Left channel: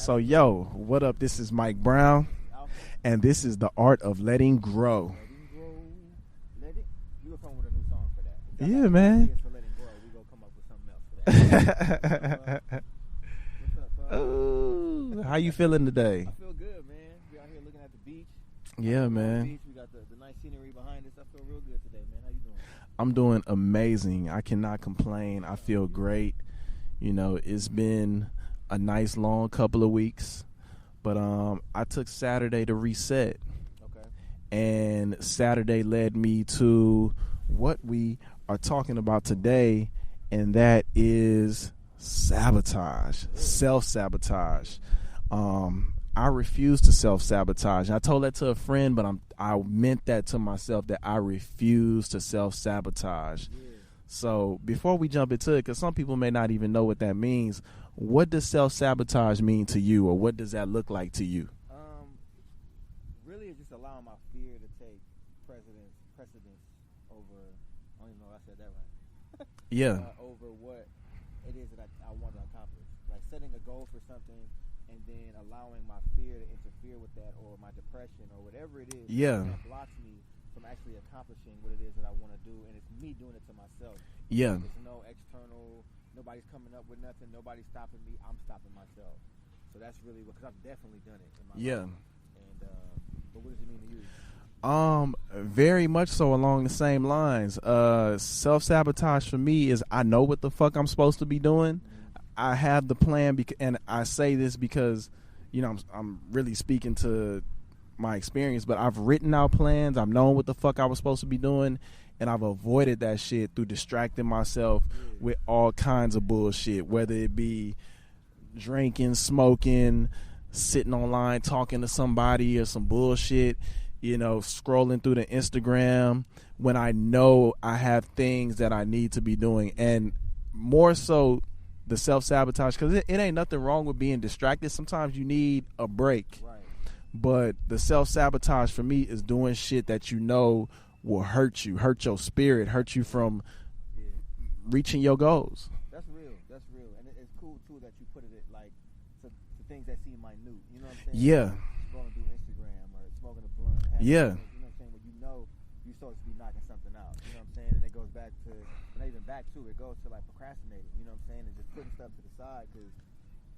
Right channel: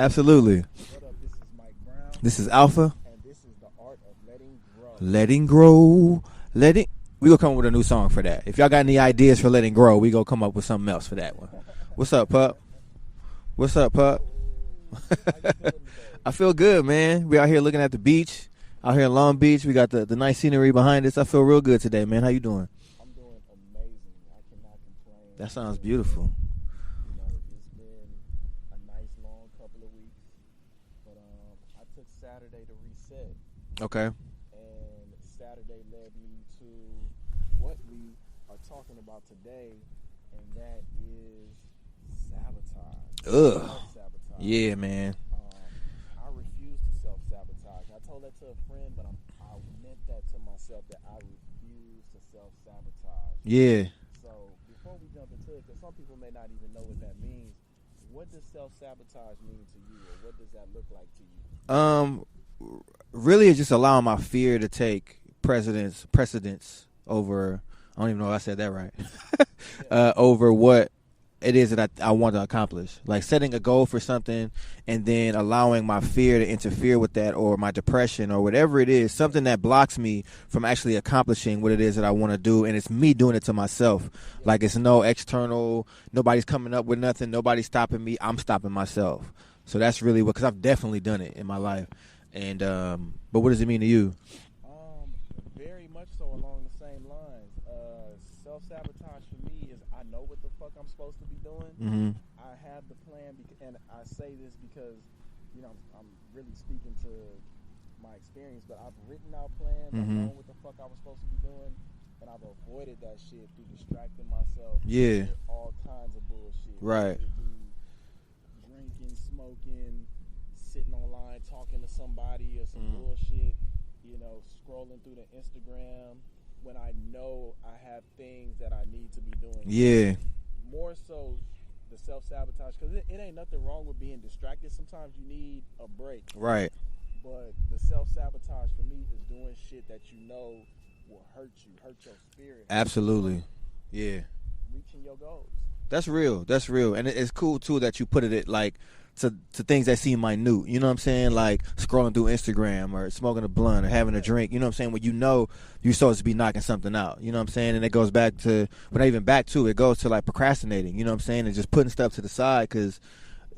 Absolutely. So, yo, what up? This is Mike Brown. This is Alpha. And this is the art of letting grow. Letting grow. We gonna come up with a new song for that. If y'all got any ideas for letting grow, we gonna come up with something else for that. What's up, Pup? What's up, Pup? How you feeling today? I feel good, man. We out here looking at the beach. Out here in Long Beach. We got the nice scenery behind us. I feel real good today, man. How you doing? I'm doing amazing. I cannot complain. I feel beautiful. Great. You know, it's been a nice long couple of weeks, but I took Saturday to reset. Okay. And Saturday led me to what we are talking about today, and that is sabotage. Self-sabotage. Yeah, man. I refuse to self-sabotage. I told that to a friend, but I meant that to myself, that I refuse to self-sabotage. Yeah. So before we jump into it, because some people may not even know what that means, what does self-sabotage mean to you, or what does that look like to you? Really, it's just allowing my fear to take precedence over, I don't even know if I said that right. Yeah. Over what it is that I want to accomplish. Like setting a goal for something and then allowing my fear to interfere with that, or my depression, or whatever it is, something that blocks me from actually accomplishing what it is that I want to do. And it's me doing it to myself. Yeah. Like it's no external, nobody's coming up with nothing, nobody's stopping me, I'm stopping myself. So that's really what, because I've definitely done it in my life. And but what does it mean to you? Very much so along the same lines. Self-sabotage for me is, I know what the fuck I'm supposed to be doing. Mm-hmm. I have the plan, and I say this because, you know, I'm really speaking to my experience, but I've written out plans. Mm-hmm. I've known what the fuck I was supposed to be doing, and I've avoided that shit through distracting myself with all kinds of bullshit, whether it be drinking, smoking, sitting online talking to somebody, or some bullshit, you know, scrolling through the Instagram when I know I have things that I need to be doing. And more so the self-sabotage, because it ain't nothing wrong with being distracted. Sometimes you need a break. Right. But the self-sabotage for me is doing shit that you know will hurt you, hurt your spirit, hurt you from reaching your goals. That's real. That's real. And it's cool, too, that you put it like to things that seem minute. You know what I'm saying? Like scrolling through Instagram, or smoking a blunt, or having a drink. You know what I'm saying? When you know you're supposed to be knocking something out. You know what I'm saying? And it goes back to, but not even back to, it goes to like procrastinating. You know what I'm saying? And just putting stuff to the side because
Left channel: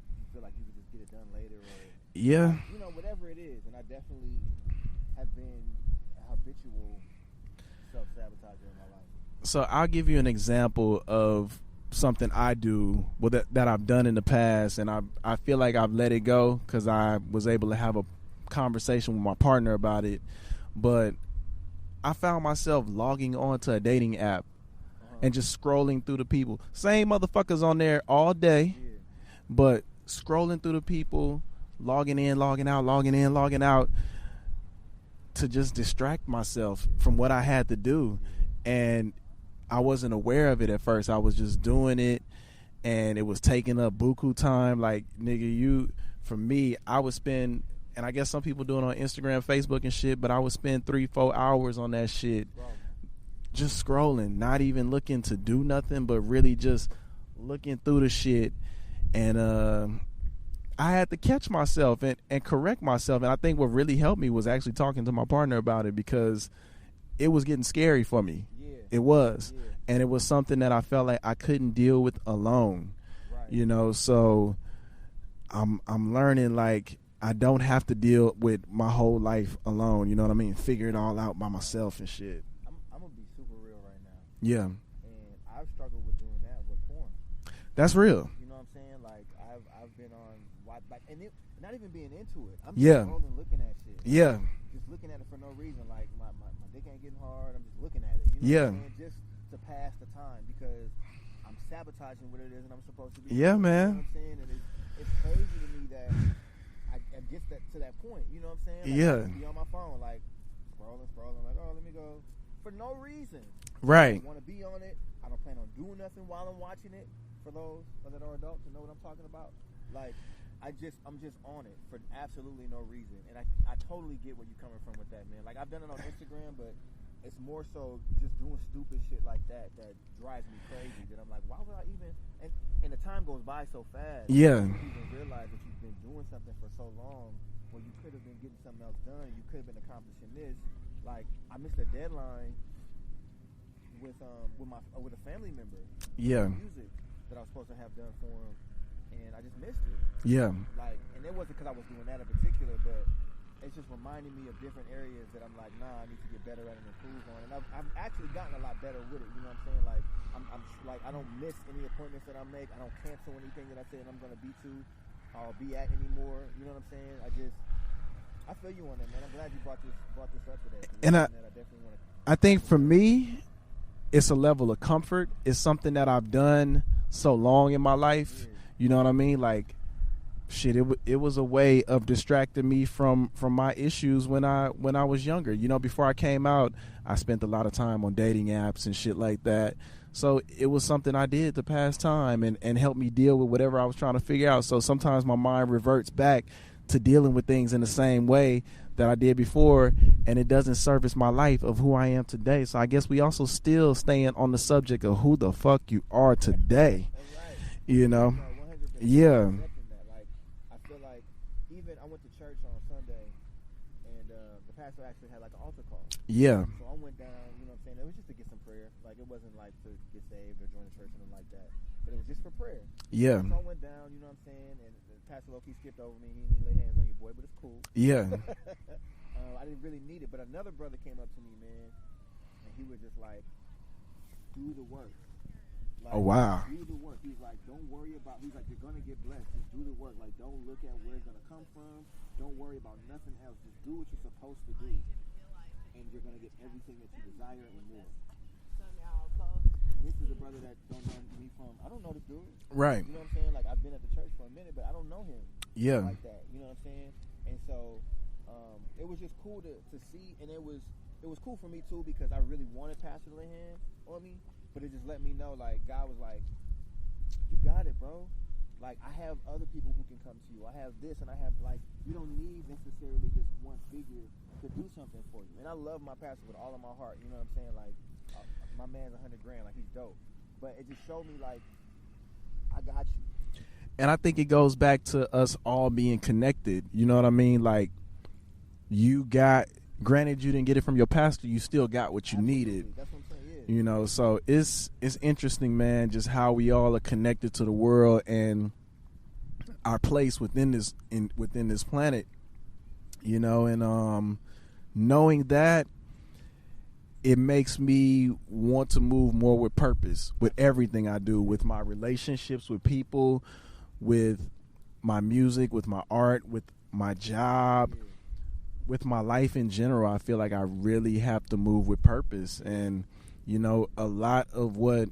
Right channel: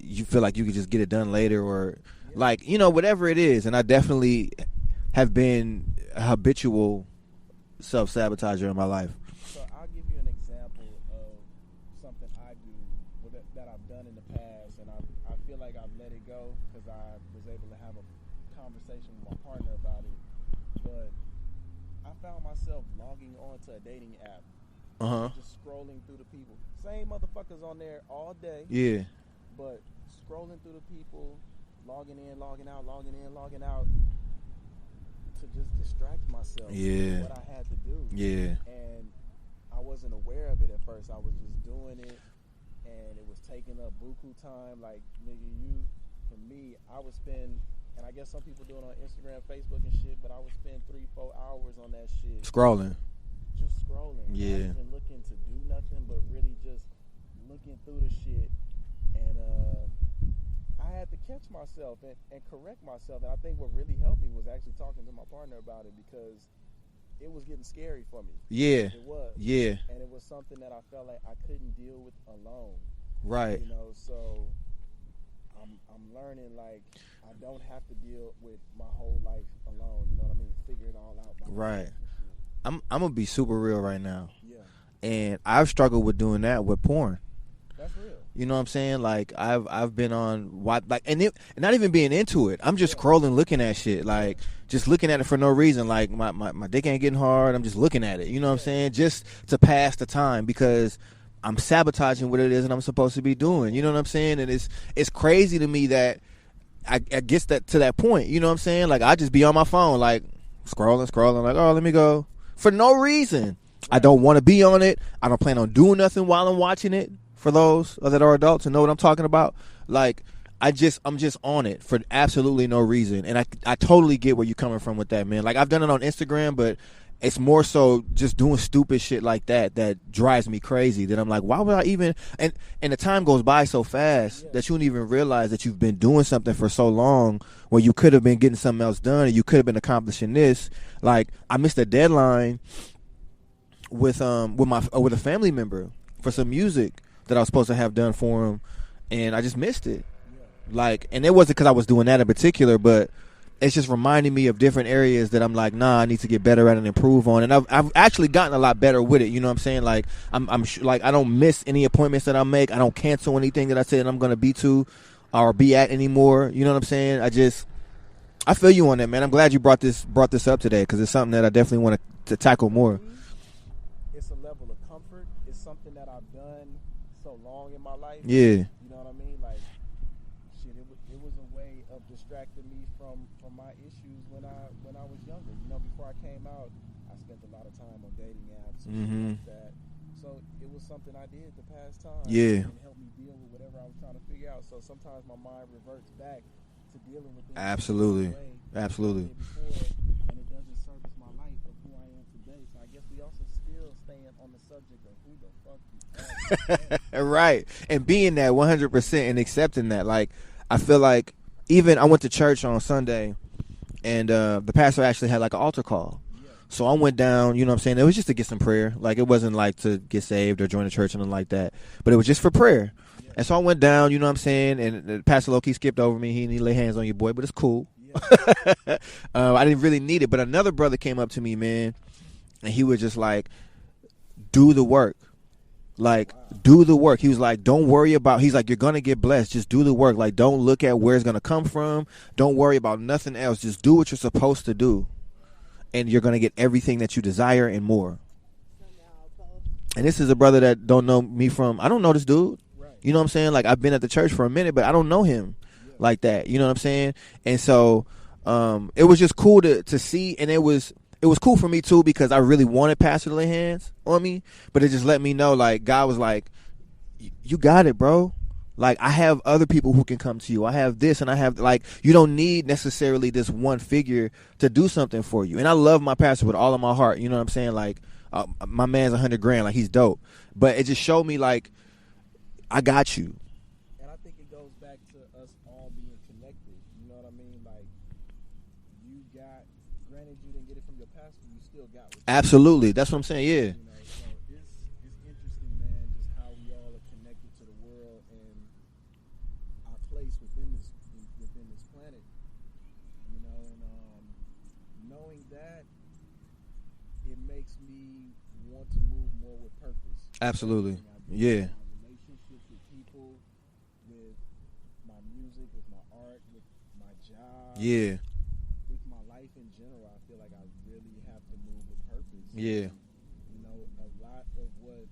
you feel like you could just get it done later, or like, you know, whatever it is. And I definitely have been a habitual self-sabotager in my life. So I'll give you an example of something I do, that I've done in the past, and I feel like I've let it go because I was able to have a conversation with my partner about it. But I found myself logging on to a dating app and just scrolling through the people. Same motherfuckers on there all day. Yeah. But scrolling through the people, logging in, logging out, logging in, logging out, to just distract myself from what I had to do. Yeah. And I wasn't aware of it at first. I was just doing it, and it was taking up buku time. Like, nigga, for me, I would spend, and I guess some people do it on Instagram, Facebook and shit, but I would spend 3-4 hours on that shit. Just scrolling, not even looking to do nothing, but really just looking through the shit. And I had to catch myself and correct myself. And I think what really helped me was actually talking to my partner about it, because it was getting scary for me. Yeah. It was. Yeah. And it was something that I felt like I couldn't deal with alone. Right. You know, so I'm learning, like, I don't have to deal with my whole life alone, you know what I mean? Figure it all out by myself and shit. I'm gonna be super real right now. Yeah. And I've struggled with doing that with porn. That's real. You know what I'm saying? Like, I've been on, like, and not even being into it. I'm just scrolling, looking at shit. Like, just looking at it for no reason. Like, my dick ain't getting hard. I'm just looking at it. You know what I'm saying? Just to pass the time, because I'm sabotaging what it is that I'm supposed to be doing. Man. You know what I'm saying? And it's crazy to me that I get to that point. You know what I'm saying? Like, I just be on my phone, like, scrolling. Like, oh, let me go. For no reason. Right. I don't want to be on it. I don't plan on doing nothing while I'm watching it. For those that are adults and know what I'm talking about, like, I'm just on it for absolutely no reason. And I totally get where you're coming from with that, man. Like, I've done it on Instagram, but it's more so just doing stupid shit like that drives me crazy. That I'm like, why would I even? And the time goes by so fast that you don't even realize that you've been doing something for so long where you could have been getting something else done, and you could have been accomplishing this. Like, I missed a deadline with a family member for some music that I was supposed to have done for him, and I just missed it. Yeah, like, and it wasn't because I was doing that in particular, but it's just reminding me of different areas that I'm like, nah, I need to get better at and improve on. And I've actually gotten a lot better with it. You know what I'm saying? Like, like, I don't miss any appointments that I make. I don't cancel anything that I said I'm going to be to or be at anymore. You know what I'm saying? I feel you on that, man. I'm glad you brought this up today, because it's something that I definitely want to tackle more. For me, it's a level of comfort. It's something that I've done so long in my life. Yeah. You know what I mean? Like, shit, it was a way of distracting me from my issues when I was younger. You know, before I came out, I spent a lot of time on dating apps and shit like that. So it was something I did to pass time and help me deal with whatever I was trying to figure out. So sometimes my mind reverts back to dealing with things in the same way that I did before, and it doesn't service my life of who I am today. So I guess we also still staying on the subject of who the fuck you are today. Right. And being that 100% and accepting that. Like, I feel like, even I went to church on Sunday, and the pastor actually had like an altar call. Yeah. So I went down, you know what I'm saying? It was just to get some prayer. Like, it wasn't like to get saved or join the church or anything like that. But it was just for prayer. Yeah. And so I went down, you know what I'm saying? And Pastor Loki skipped over me. He didn't lay hands on your boy, but it's cool. Yeah. I didn't really need it. But another brother came up to me, man, and he was just like, do the work. Like, do the work. He was like, don't worry about, he's like, you're going to get blessed. Just do the work. Like, don't look at where it's going to come from. Don't worry about nothing else. Just do what you're supposed to do. And you're going to get everything that you desire and more. And this is a brother that don't know me from, I don't know this dude. Right. You know what I'm saying? Like, I've been at the church for a minute, but I don't know him like that. You know what I'm saying? And so it was just cool to see, and it was cool for me too, because I really wanted Pastor to lay hands on me, but it just let me know, like, God was like, you got it, bro. Like, I have other people who can come to you. I have this, and I have, like, you don't need necessarily this one figure to do something for you. And I love my pastor with all of my heart. You know what I'm saying? Like, my man's $100,000. Like, he's dope. But it just showed me, like, I got you. And I think it goes back to us all being connected. You know what I mean? Like, granted, you didn't get it from your pastor, you still got what you absolutely needed. That's what I'm saying. Yeah, you know, so it's interesting, man, just how we all are connected to the world and our place within this planet, you know. And knowing that, it makes me want to move more with purpose with everything I do, with my relationships with people, with my music, with my art, with my job, with my life in general. I feel like I really have to move with purpose. And, you know, a lot of what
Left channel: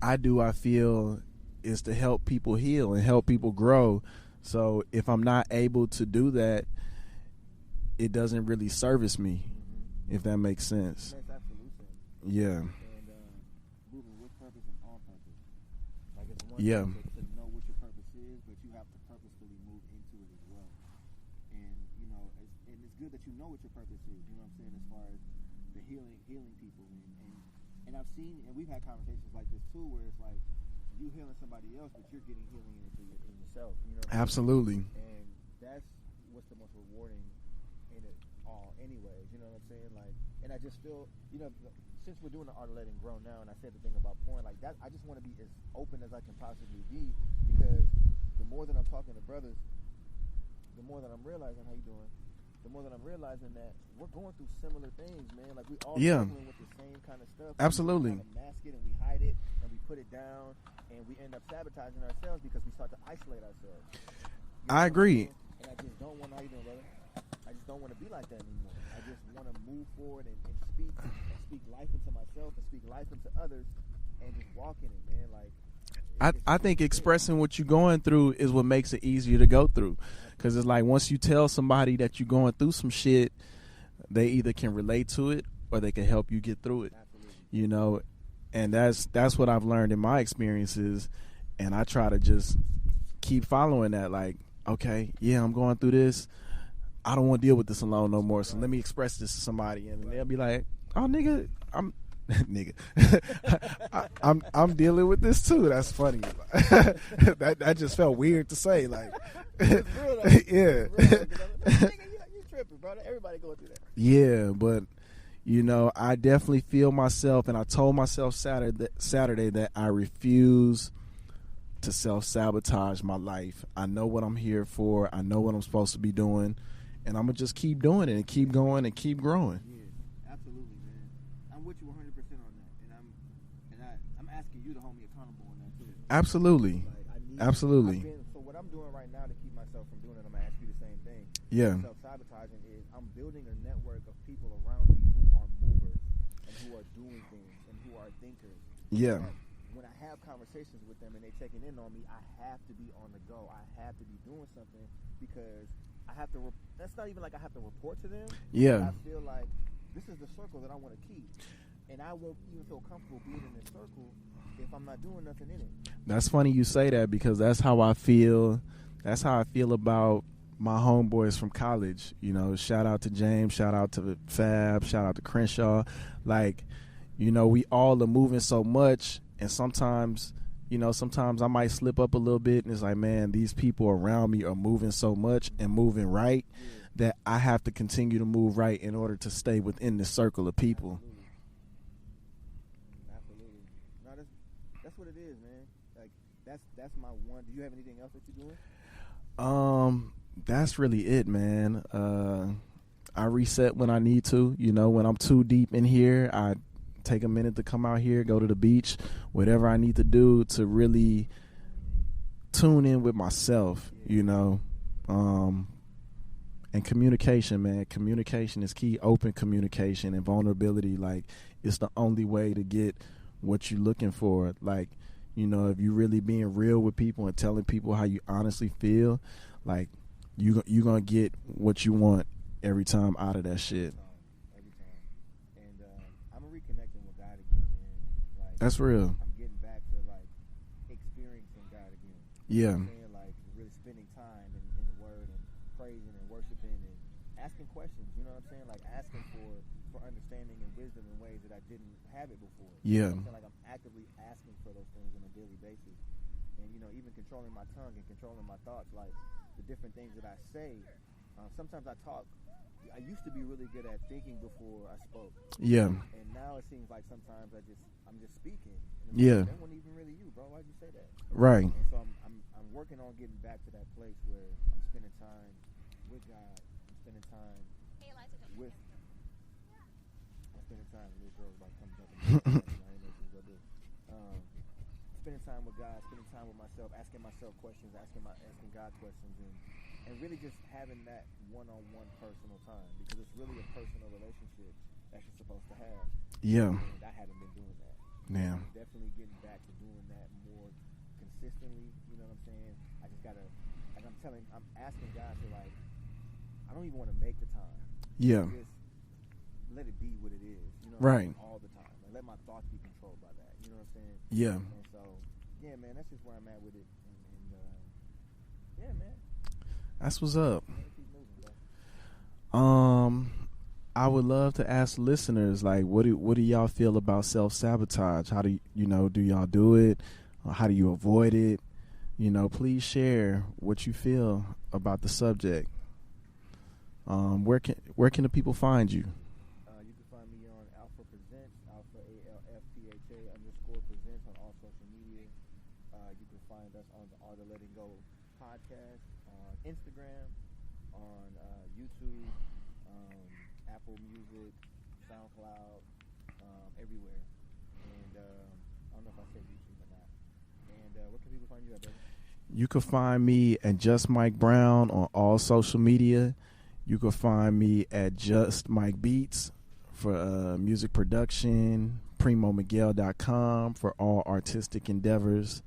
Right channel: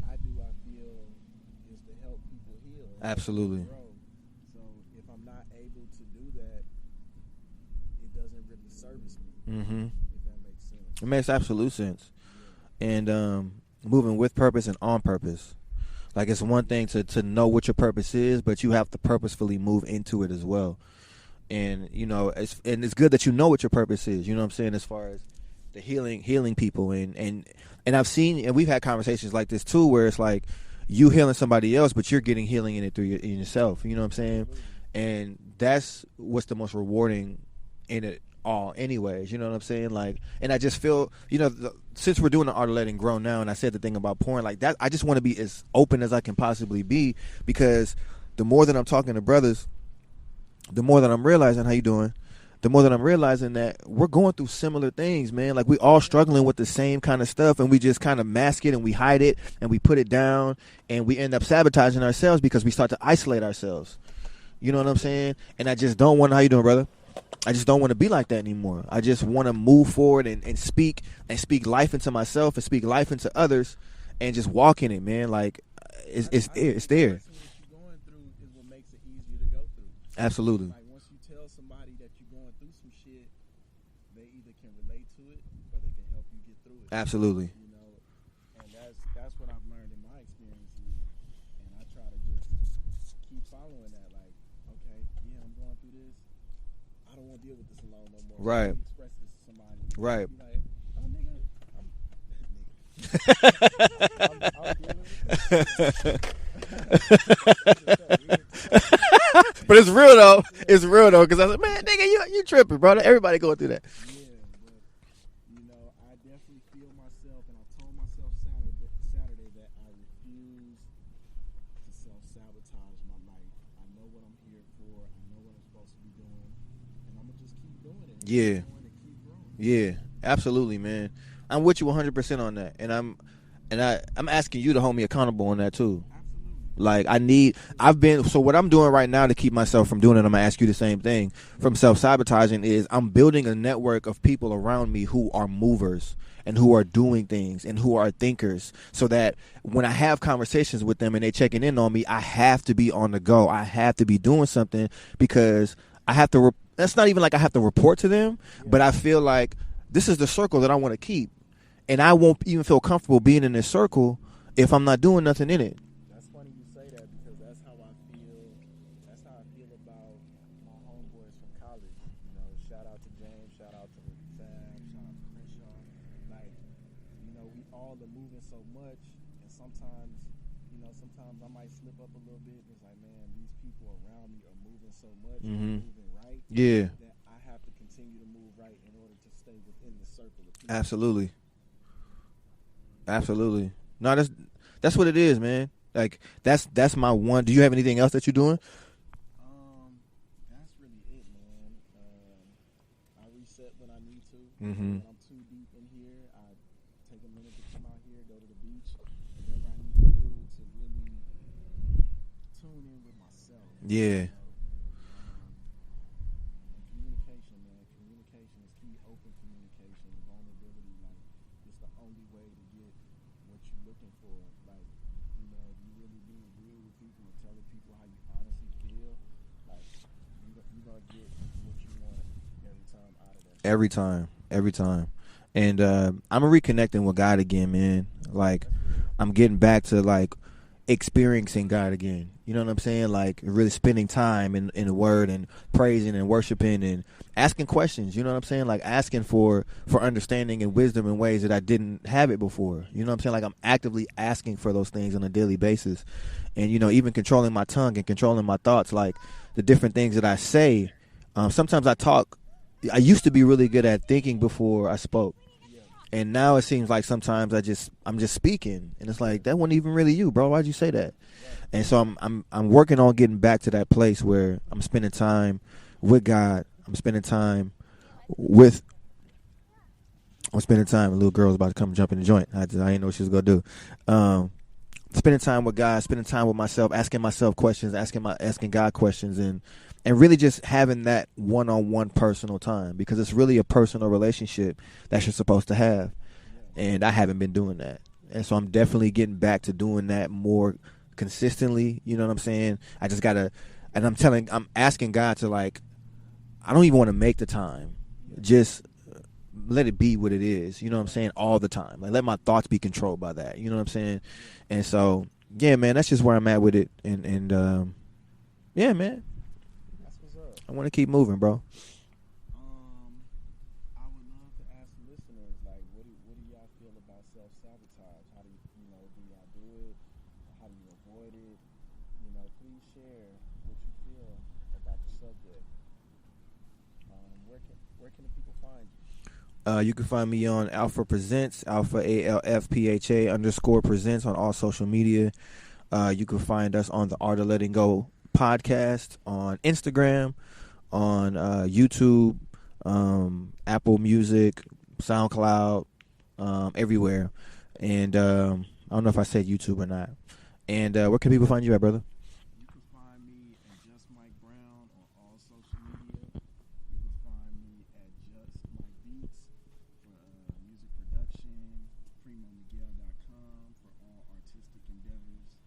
I do, I feel, is to help people heal and help people grow. So if I'm not able to do that, it doesn't really service me, if that makes sense. It makes absolute sense. Yeah. And moving with purpose and on purpose. Like, it's one thing to know what your purpose is, but you have to purposefully move into it as well. And, you know, it's good that you know what your purpose is, you know what I'm saying, as far as the healing people. And I've seen, and we've had conversations like this too, where it's like you healing somebody else, but you're getting healing in it through in yourself, you know what I'm saying? Absolutely. And that's what's the most rewarding in it all anyways, you know what I'm saying? Like, and I just feel, you know, since we're doing the art of letting grow now, and I said the thing about porn, like that, I just want to be as open as I can possibly be, because the more that I'm talking to brothers, the more that I'm realizing, how you doing? The more that I'm realizing that we're going through similar things, man. Like, we all struggling with the same kind of stuff, and we just kind of mask it, and we hide it, and we put it down, and we end up sabotaging ourselves because we start to isolate ourselves. You know what I'm saying? And I just don't want, how you doing, brother? I just don't want to be like that anymore. I just want to move forward and speak life into myself and speak life into others and just walk in it, man. Like, I think expressing what you're going through is what makes it easier to go through. Absolutely. 'Cause it's like, once you tell somebody that you're going through some shit, they either can relate to it or they can help you get through it. Absolutely. You know, and that's what I've learned in my experiences, and I try to just keep following that. Like, okay, yeah, I'm going through this. I don't want to deal with this alone no more. So let me express this to somebody, and they'll be like, Oh, nigga, nigga, I'm dealing with this too. That's funny. that just felt weird to say. Like. But it's real though. Yeah. It's real though, because I was like, man, nigga, you tripping, bro. Everybody going through that. Yeah, but you know, I definitely feel myself, and I told myself Saturday that I refuse to self-sabotage my life. I know what I'm here for. I know what I'm supposed to be doing, and I'm gonna just keep doing it and keep going and keep growing. Yeah, absolutely, man. I'm with you 100% on that, and I'm asking you to hold me accountable on that too. Absolutely. Like Absolutely. So what I'm doing right now to keep myself from doing it, I'm gonna ask you the same thing. From self-sabotaging is I'm building a network of people around me who are movers and who are doing things and who are thinkers, so that when I have conversations with them and they checking in on me, I have to be on the go. I have to be doing something, because I have to that's not even like I have to report to them, but I feel like this is the circle that I want to keep. And I won't even feel comfortable being in this circle if I'm not doing nothing in it. That's funny you say that, because that's how I feel. That's how I feel about my homeboys from college. You know, shout out to James, shout out to Fab, shout out to Crenshaw. Like, you know, we all are moving so much, and sometimes I might slip up a little bit, and it's like, man, these people around me are moving so much and moving right that I have to continue to move right in order to stay within this circle of people. Absolutely. No, that's what it is, man. Like that's my one. Do you have anything else that you're doing? That's really it, man. I reset when I need to. You know, when I'm too deep in here, I take a minute to come out here, go to the beach, whatever I need to do to really tune in with myself. Yeah. You know, and communication, man. Communication is key. Open communication and vulnerability. Like, it's the only way to get what you're looking for. Like, you know, if you really being real with people and telling people how you honestly feel, like, you're going to get what you want every time out of that shit. Every time. And I'm reconnecting with God again, man. Like, that's real. I'm getting back to, like, experiencing God again. You know what I'm saying? Like, really spending time in the Word and praising and worshiping and asking questions. You know what I'm saying? Like, asking for understanding and wisdom in ways that I didn't have it before. You know what I'm saying? Like, I'm actively asking for those things on a daily basis. And, you know, even controlling my tongue and controlling my thoughts, like the different things that I say. Sometimes I used to be really good at thinking before I spoke. Yeah. And now it seems like sometimes I'm just speaking, and it's like, that wasn't even really you, bro. Why'd you say that? Right. And so I'm working on getting back to that place where I'm spending time with God. I'm spending time with a little girl's about to come jump in the joint. I didn't know what she was gonna do. Spending time with God, spending time with myself, asking myself questions, asking God questions, and really just having that one-on-one personal time, because it's really a personal relationship that you're supposed to have. Yeah. And I haven't been doing that. Yeah. And so I'm definitely getting back to doing that more consistently. You know what I'm saying? I just got to, and I'm asking God to, like, I don't even want to make the time. Yeah. Just let it be what it is. You know what I'm saying? All the time. Like, let my thoughts be controlled by that. You know what I'm saying? Yeah. And so, yeah, man, that's just where I'm at with it. And yeah, man. That's what's up. I want to keep moving, bro. I would love to ask listeners, like, what do y'all feel about self-sabotage? How do do y'all do it? Or how do you avoid it? You know, please share what you feel about the subject. Where can the people find you? You can find me on Alpha Presents, Alpha ALFPHA _ Presents on all social media. You can find us on the Art of Letting Go podcast on Instagram, on YouTube, Apple Music, SoundCloud, everywhere. And I don't know if I said YouTube or not. And where can people find you at, brother? You can find me at Just Mike Brown on all social media. You can find me at Just Mike Beats for music production, PrimoMiguel.com for all artistic endeavors.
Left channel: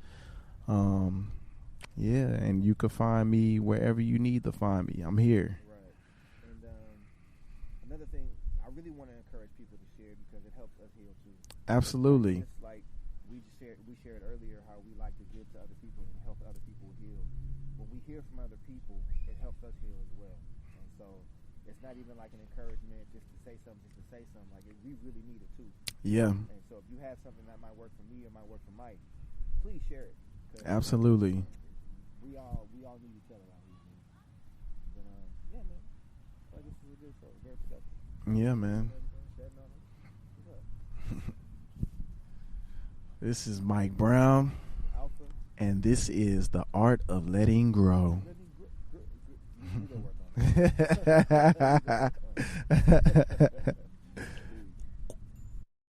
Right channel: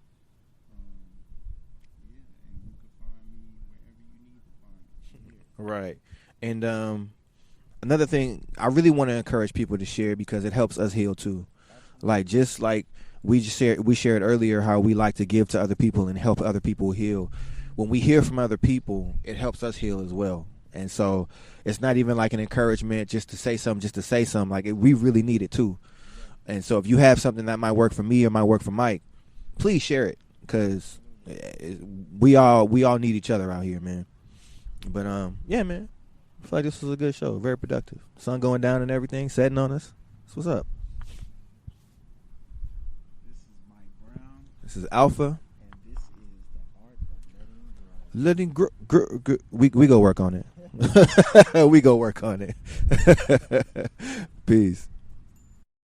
Yeah, and you can find me wherever you need to find me. I'm here. Right. And another thing, I really want to encourage people to share, because it helps us heal too. Absolutely. Like, just like we shared earlier how we like to give to other people and help other people heal. When we hear from other people, it helps us heal as well. And so it's not even like an encouragement just to say something, Like, we really need it too. Yeah. And so if you have something that might work for me or might work for Mike, please share it. Cause absolutely, we all need each other out here, man. But yeah, man, I feel like this was a good show, very productive. Sun going down and everything, setting on us. That's what's up. This is Mike Brown. This is Alpha, and this is the art of letting grow. Letting grow. We go work on it. We go work on it. Peace.